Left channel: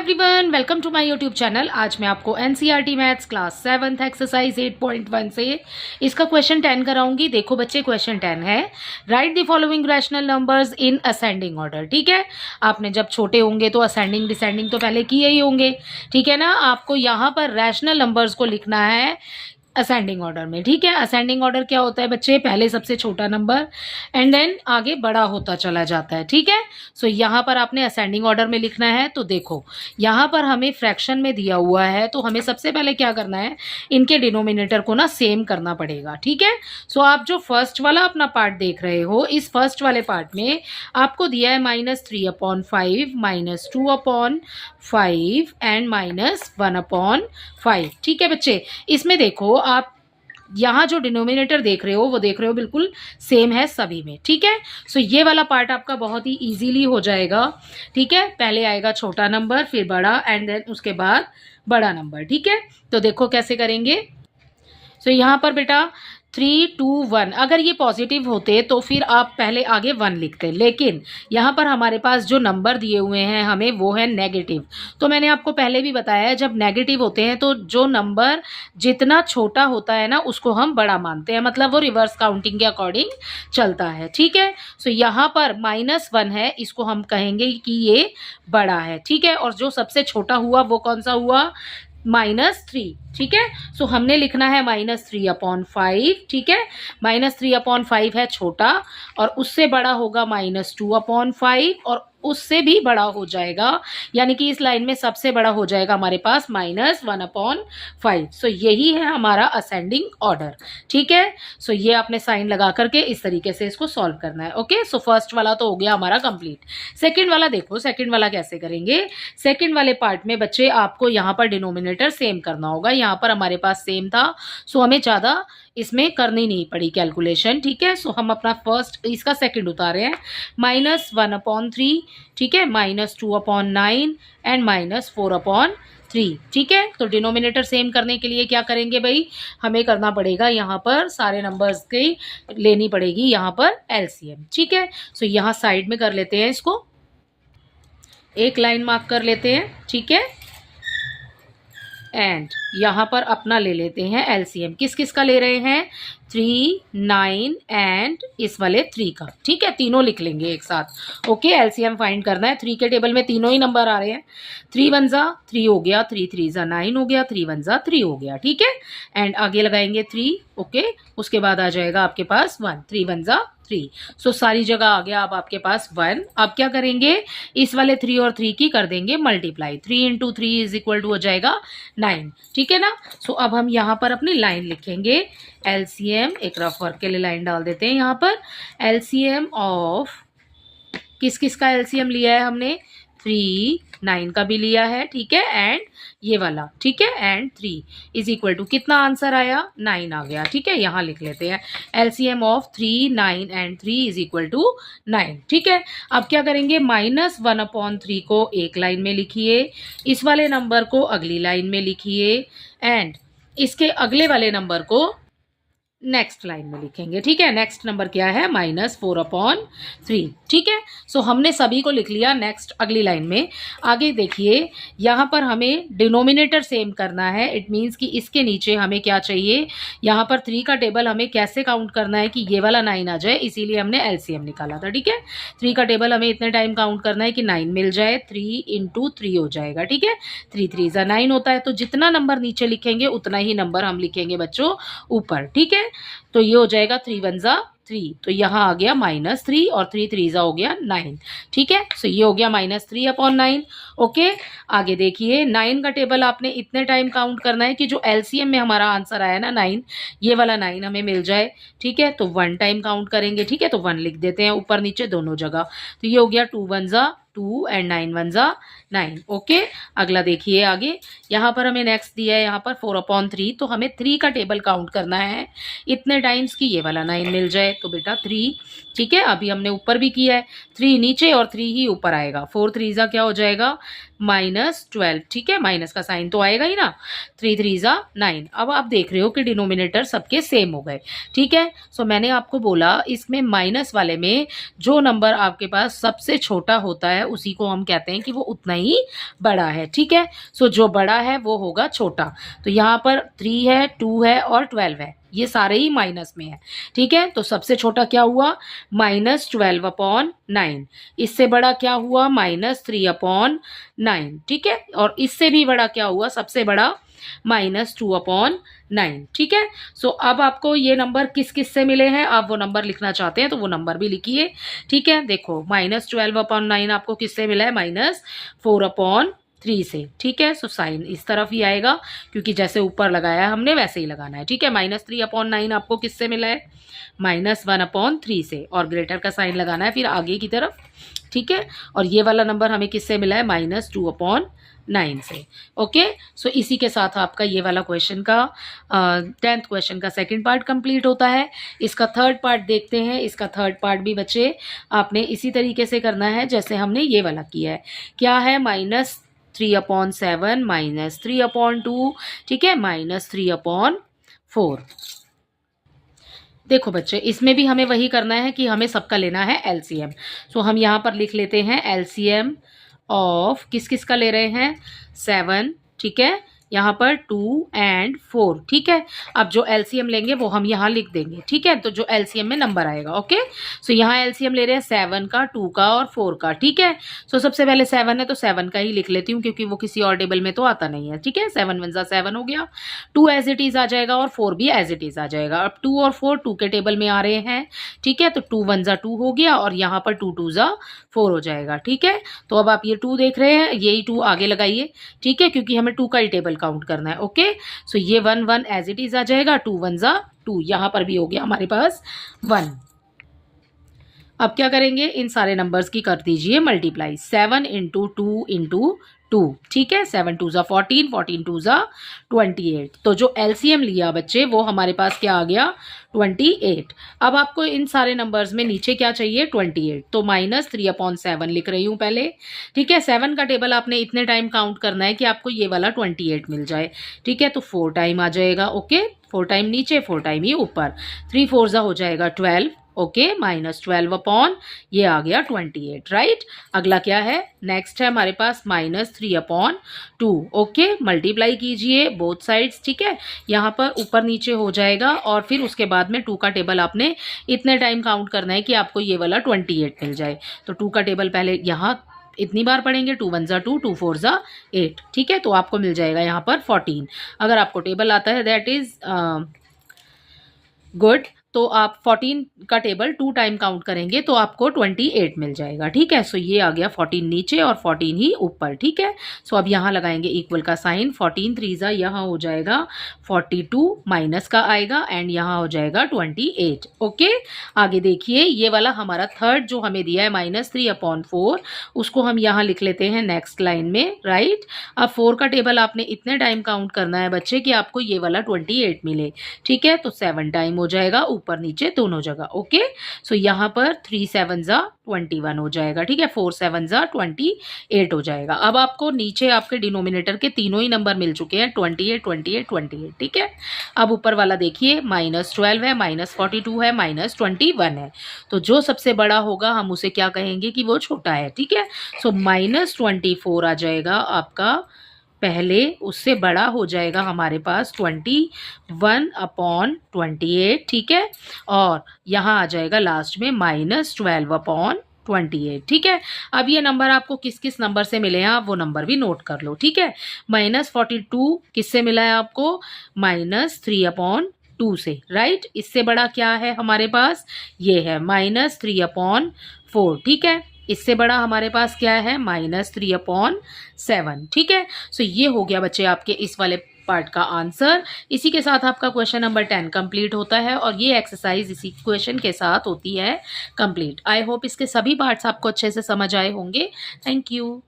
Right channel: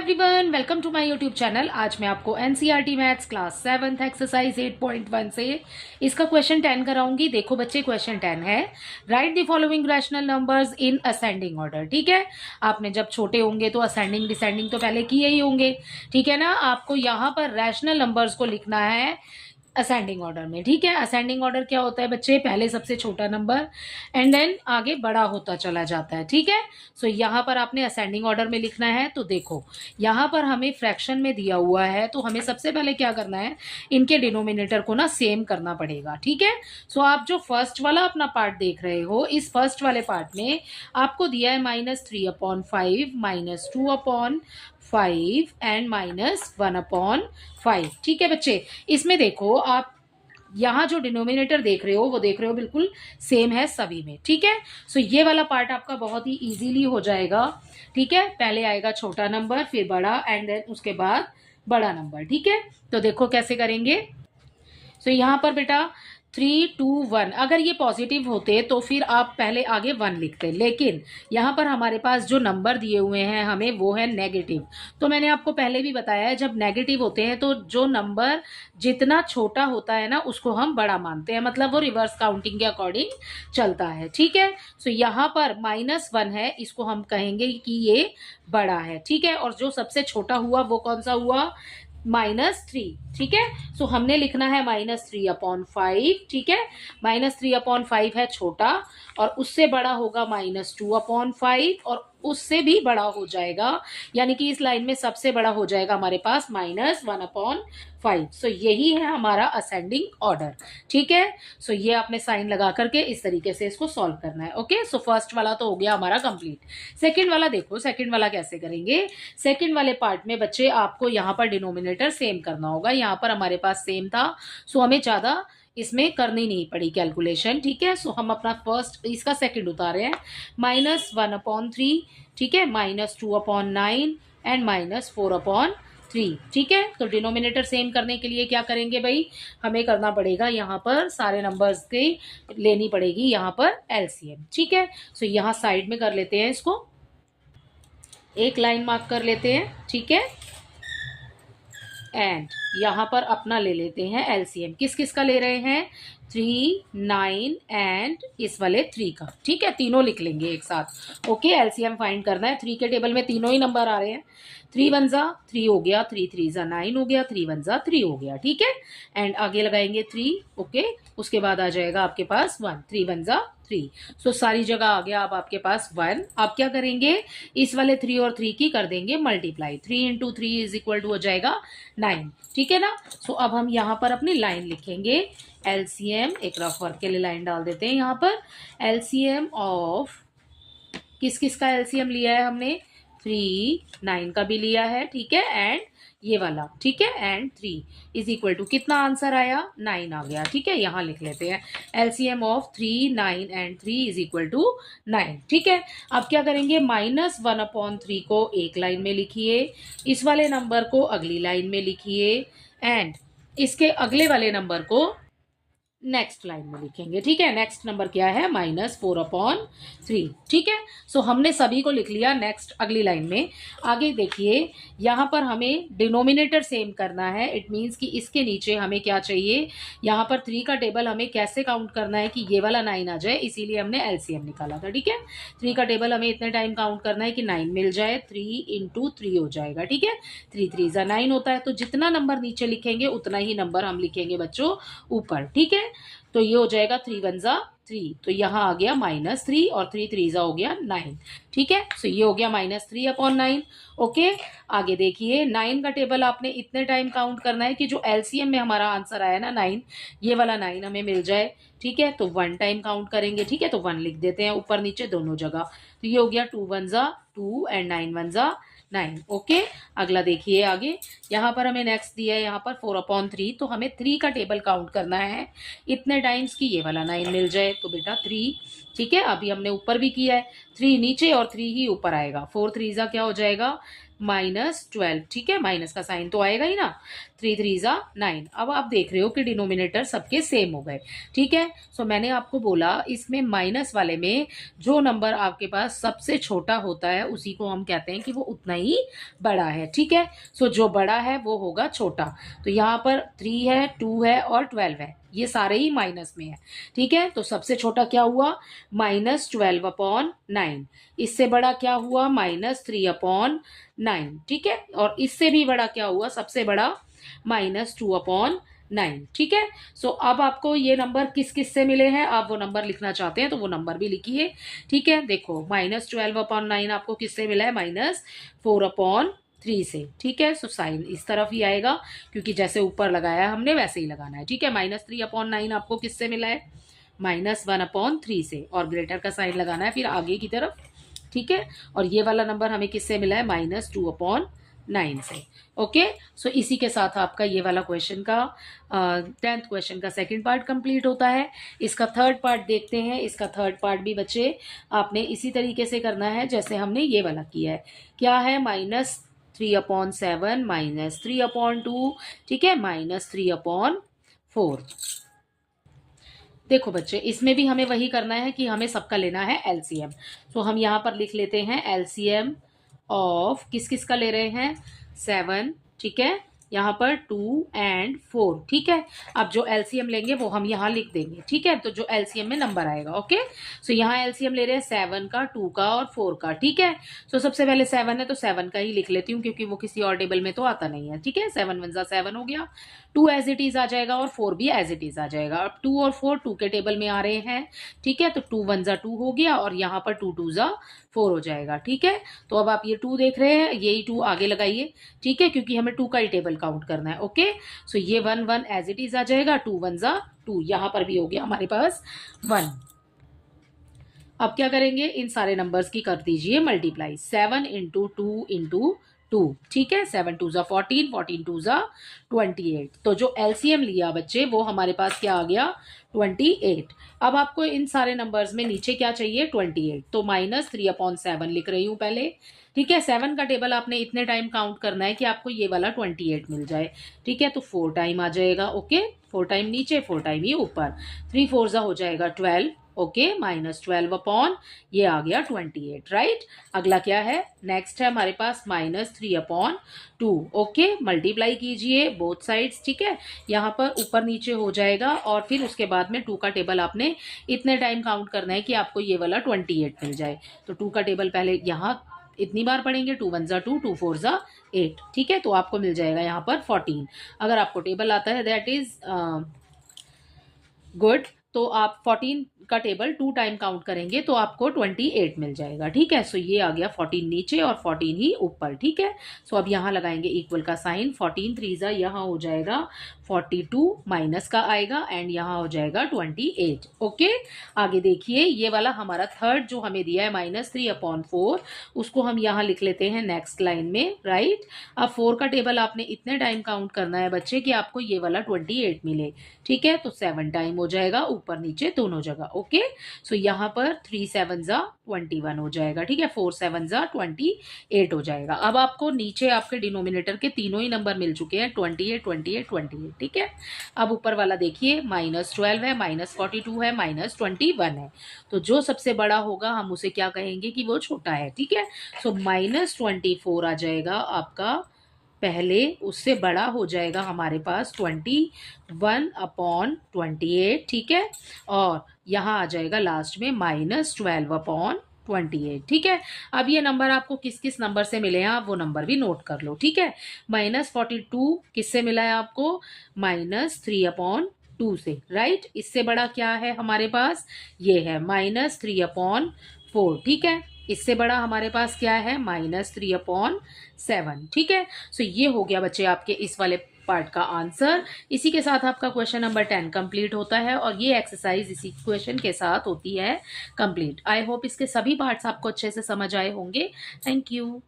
Everyone, welcome to my YouTube channel. आज मैं आपको NCERT maths class 7th exercise 8.1 से इसका क्वेश्चन 10 कराऊंगी। देखो बच्चे, क्वेश्चन 10 है, right the following rational numbers in ascending order. ठीक है, आपने जब छोटे होंगे तो असेंडिंग डिसेंडिंग तो पहले किए ही होंगे। ठीक है ना, आपको यहाँ पर रैशनल नंबर्स को लिखना है असेंडिंग ऑर्डर में। ठीक है, असेंडिंग ऑर्डर क्या होता है बच्चे, पहले सबसे छोटा नंबर एंड देन आगे बड़ा होता चला जाता है। ठीक है, सो यहाँ पर आपने असेंडिंग ऑर्डर में लिखना है। तो देखो यहाँ पर हमें फ्रैक्शन में दिया हुआ है, तो हमें सबसे पहले क्या करना है, इनके डिनोमिनेटर को ना सेम करना पड़ेगा। ठीक है, सो आप जो फर्स्ट वाला अपना पार्ट देख रहे हो, इस फर्स्ट वाले पार्ट में आपको दिया है -3/5, -2/5 एंड -1/5। ठीक है बच्चे, इसमें देखो आप यहाँ जो डिनोमिनेटर देख रहे हो वो देख रहे हो बिल्कुल सेम है सभी में। ठीक है, सो ये वाला पार्ट आपका बहुत ही इजीली हो जाएगा। ठीक है, पहले आएगा छोटा नंबर, फिर बड़ा एंड देन उसके बाद बड़ा नंबर। ठीक है, तो देखो कैसे करेंगे। सो यहाँ पर बेटा 3, 2, 1, अगर ये पॉजिटिव होते तो फिर आप पहले आगे 1 लिखते, लेकिन यहाँ पर हमारे पास जो नंबर दिए हुए हैं हमें वो है नेगेटिव। तो मैंने आपको पहले भी बताया है, जब नेगेटिव होते हैं तो जो नंबर जितना छोटा होता है ना उसको हम बड़ा मानते हैं, मतलब वो रिवर्स काउंटिंग के अकॉर्डिंग चलता है। ठीक है, सो यहाँ पर -1 है, इसको हम कहेंगे कि ये बड़ा है। ठीक है, और जो सबसे छोटा हुआ वो कौन सा हुआ, -3। ठीक है, सो हमने लिखना है -3/5। ठीक है, -3/5 है छोटा, और उससे बड़ा होगा -2/5, और उससे भी बड़ा हो जाएगा, यानी कि इस लाइन में सबसे बड़ा हो जाएगा हमारे पास -1/5। सो यही है हमारा असेंडिंग ऑर्डर। ठीक है, सो ये आपने साइन लगा करके इस तरीके से इसको सॉल्व करना है। ओके, सो फर्स्ट वाला तो हो गया हमारा कंप्लीट। सेकंड वाला देखो, सेकंड वाला कैसे करेंगे। सेकंड वाले पार्ट में बच्चे आपको यहाँ पर डिनोमिनेटर सेम करना होगा। यहाँ पर हमारे पास सेम था, सो हमें ज़्यादा इसमें करनी नहीं पड़ी कैलकुलेशन। ठीक है, सो हम अपना फर्स्ट इसका सेकंड उतारे हैं, -1/3। ठीक है, -2/9 एंड -4/3। ठीक है, तो डिनोमिनेटर सेम करने के लिए क्या करेंगे भाई, हमें करना पड़ेगा यहाँ पर सारे नंबर्स की लेनी पड़ेगी यहाँ पर एलसीएम। ठीक है, सो यहाँ साइड में कर लेते हैं, इसको एक लाइन मार्क कर लेते हैं। ठीक है, एंड यहाँ पर अपना ले लेते हैं एलसीएम। किस किस का ले रहे हैं, 3, 9 एंड इस वाले 3 का। ठीक है, तीनों लिख लेंगे एक साथ। ओके, एलसीएम फाइंड करना है। 3 के टेबल में तीनों ही नंबर आ रहे हैं। 3 1 जा 3 हो गया, 3 3 जा 9 हो गया, 3 1 जा 3 हो गया। ठीक है, एंड आगे लगाएंगे 3। ओके, उसके बाद आ जाएगा आपके पास 1, 3 1 जा 3। सो सारी जगह आ गया अब आपके पास 1। अब क्या करेंगे, इस वाले 3 और 3 की कर देंगे मल्टीप्लाई। 3 × 3 = हो जाएगा 9। ठीक है ना, सो अब हम यहाँ पर अपनी लाइन लिखेंगे। एलसीएम, एक रफ वर्क के लिए लाइन डाल देते हैं यहाँ पर। एलसीएम ऑफ किस किस का एलसीएम लिया है हमने, 3, 9 का भी लिया है। ठीक है, एंड ये वाला। ठीक है, एंड 3 = कितना आंसर आया, 9 आ गया। ठीक है, यहाँ लिख लेते हैं एलसीएम ऑफ 3, 9 एंड 3 = 9। ठीक है, अब क्या करेंगे, -1/3 को एक लाइन में लिखिए, इस वाले नंबर को अगली लाइन में लिखिए, एंड इसके अगले वाले नंबर को नेक्स्ट लाइन में लिखेंगे। ठीक है, नेक्स्ट नंबर क्या है, -4/3। ठीक है, सो हमने सभी को लिख लिया नेक्स्ट अगली लाइन में। आगे देखिए, यहाँ पर हमें डिनोमिनेटर सेम करना है। इट मीन्स कि इसके नीचे हमें क्या चाहिए, यहाँ पर 3 का टेबल हमें कैसे काउंट करना है कि ये वाला 9 आ जाए, इसीलिए हमने एलसीएम निकाला था। ठीक है, 3 का टेबल हमें इतने टाइम काउंट करना है कि 9 मिल जाए, 3 × 3 हो जाएगा। ठीक है, 3 3 जा 9 होता है, तो जितना नंबर नीचे लिखेंगे उतना ही नंबर हम लिखेंगे बच्चों ऊपर। ठीक है, तो ये हो जाएगा 3 1 जा 3, तो यहाँ आ गया -3, और 3 3 जा हो गया 9। ठीक है, सो ये हो गया -3/9। ओके, आगे देखिए, 9 का टेबल आपने इतने टाइम काउंट करना है कि जो एलसीएम में हमारा आंसर आया ना 9, ये वाला 9 हमें मिल जाए। ठीक है, तो 1 टाइम काउंट करेंगे। ठीक है, तो 1 लिख देते हैं ऊपर नीचे दोनों जगह। तो ये हो गया 2 1 जा 2 एंड 9 1 जा 9। ओके, अगला देखिए, आगे यहाँ पर हमें नेक्स्ट दिया है यहाँ पर 4/3, तो हमें 3 का टेबल काउंट करना है इतने टाइम्स की ये वाला 9 मिल जाए, तो बेटा 3। ठीक है, अभी हमने ऊपर भी किया है, 3 नीचे और 3 ही ऊपर आएगा। 4 3 जा क्या हो जाएगा, -12, ठीक है, माइनस का साइन तो आएगा ही ना, 3 3 ज़ा 9। अब आप देख रहे हो कि डिनोमिनेटर सबके सेम हो गए, ठीक है। सो मैंने आपको बोला इसमें माइनस वाले में जो नंबर आपके पास सबसे छोटा होता है उसी को हम कहते हैं कि वो उतना ही बड़ा है, ठीक है। सो जो बड़ा है वो होगा छोटा। तो यहाँ पर 3 है, 2 है और 12 है, ये सारे ही माइनस में है, ठीक है। तो सबसे छोटा क्या हुआ, -12/9। इससे बड़ा क्या हुआ, -3/9, ठीक है। और इससे भी बड़ा क्या हुआ, सबसे बड़ा -2/9, ठीक है। सो अब आपको ये नंबर किस किस से मिले हैं, आप वो नंबर लिखना चाहते हैं तो वो नंबर भी लिखिए, ठीक है। देखो -12/9 आपको किससे मिला है, -4/3 से, ठीक है। सो साइन इस तरफ ही आएगा क्योंकि जैसे ऊपर लगाया है हमने वैसे ही लगाना है, ठीक है। -3/9 आपको किससे मिला है, -1/3 से, और ग्रेटर का साइन लगाना है फिर आगे की तरफ, ठीक है। और ये वाला नंबर हमें किससे मिला है, -2/9 से, ओके। सो इसी के साथ आपका ये वाला क्वेश्चन का 10th क्वेश्चन का सेकंड पार्ट कंप्लीट होता है। इसका थर्ड पार्ट देखते हैं। इसका थर्ड पार्ट भी बच्चे आपने इसी तरीके से करना है जैसे हमने ये वाला किया है। क्या है, -3/7 -3/2, ठीक है, -3/4। देखो बच्चे, इसमें भी हमें वही करना है कि हमें सबका लेना है एलसीएम। सो हम यहाँ पर लिख लेते हैं एलसीएम ऑफ किस किस का ले रहे हैं, 7, ठीक है, यहाँ पर 2 एंड 4, ठीक है। अब जो एलसीएम लेंगे वो हम यहाँ लिख देंगे, ठीक है। तो जो एलसीएम में नंबर आएगा, ओके। सो यहाँ एलसीएम ले रहे हैं 7 का, 2 का और 4 का, ठीक है। सो सबसे पहले 7 है तो 7 का ही लिख लेती हूँ क्योंकि वो किसी और टेबल में तो आता नहीं है, ठीक है। 7 1 7 हो गया, 2 एज इट इज आ जाएगा और 4 भी एज इट इज आ जाएगा। अब 2 और 4 2 के टेबल में आ रहे हैं, ठीक है। तो 2 1 2 हो गया और यहाँ पर 2 2 4 हो जाएगा, ठीक है। तो अब आप ये 2 देख रहे हैं, यही 2 आगे लगाइए, ठीक है, क्योंकि हमें 2 का ही टेबल काउंट करना है, ओके। सो ये 1 1 एज इट इज आ जाएगा, 2 1 2, यहाँ पर भी हो गया हमारे पास 1। अब क्या करेंगे, इन सारे नंबर्स की कर दीजिए मल्टीप्लाई, 7 इंटू 2 इंटू 2, ठीक है। 7 2 14, 14 2 28। तो जो एलसीएम लिया बच्चे वो हमारे पास क्या आ गया, 28। अब आपको इन सारे नंबर्स में नीचे क्या चाहिए, 28। तो -3/7 लिख रही हूँ पहले, ठीक है। 7 का टेबल आपने इतने टाइम काउंट करना है कि आपको ये वाला 28 मिल जाए, ठीक है। तो 4 टाइम आ जाएगा, ओके। 4 टाइम नीचे, 4 टाइम ही ऊपर, 3 4 हो जाएगा 12, ओके। -12 ये आ गया 28, राइट। अगला क्या है, नेक्स्ट है हमारे पास -3/2, ओके। मल्टीप्लाई कीजिए बोथ साइड्स, ठीक है। यहाँ पर ऊपर नीचे हो जाएगा और फिर उसके बाद में 2 का टेबल आपने इतने टाइम काउंट करना है कि आपको ये वाला 28 मिल जाए। तो 2 का टेबल पहले यहाँ इतनी बार पढ़ेंगे, 2 1 2, 2 4 8, ठीक है। तो आपको मिल जाएगा यहाँ पर 14। अगर आपको टेबल आता है दैट इज गुड। तो आप 14 का टेबल 2 टाइम काउंट करेंगे तो आपको 28 मिल जाएगा, ठीक है। सो ये आ गया 14 नीचे और 14 ही ऊपर, ठीक है। सो अब यहाँ लगाएंगे इक्वल का साइन, 14 3 यहाँ हो जाएगा 42, माइनस का आएगा एंड यहाँ हो जाएगा 28, ओके। आगे देखिए, ये वाला हमारा थर्ड जो हमें दिया है -3/4, उसको हम यहाँ लिख लेते हैं नेक्स्ट लाइन में, राइट। अब 4 का टेबल आपने इतने टाइम काउंट करना है बच्चे कि आपको ये वाला 28 मिले, ठीक है। तो 7 टाइम हो जाएगा ऊपर नीचे दोनों जगह, ओके। सो यहाँ पर 3 7 21 हो जाएगा, ठीक है। 4 7 28 हो जाएगा। अब आपको नीचे आपके डिनोमिनेटर के तीनों ही नंबर मिल चुके हैं, 28 28 28, ठीक है। अब ऊपर वाला देखिए, -12 है, -42 है, -21 है। तो जो सबसे बड़ा होगा हम उसे क्या कहेंगे कि वो छोटा है, ठीक है। सो -24 आ जाएगा आपका, पहले उससे बड़ा हो जाएगा हमारे पास 21/28, ठीक है। और यहाँ आ जाएगा लास्ट में -12/28, ठीक है। अब ये नंबर आपको किस किस नंबर से मिले हैं आप वो नंबर भी नोट कर लो, ठीक है। -42 किससे मिला है आपको, -3/2 से, राइट। इससे बड़ा क्या है हमारे पास, ये है -3/4, ठीक है। इससे बड़ा हमारे पास क्या है, -3/7, ठीक है। सो ये हो गया बच्चे आपके इस वाले पार्ट का आंसर। इसी के साथ आपका क्वेश्चन नंबर 10 कंप्लीट होता है और ये एक्सरसाइज इसी क्वेश्चन के साथ होती है कंप्लीट। आई होप इसके सभी पार्ट्स आपको अच्छे से समझ आए होंगे। Thank you.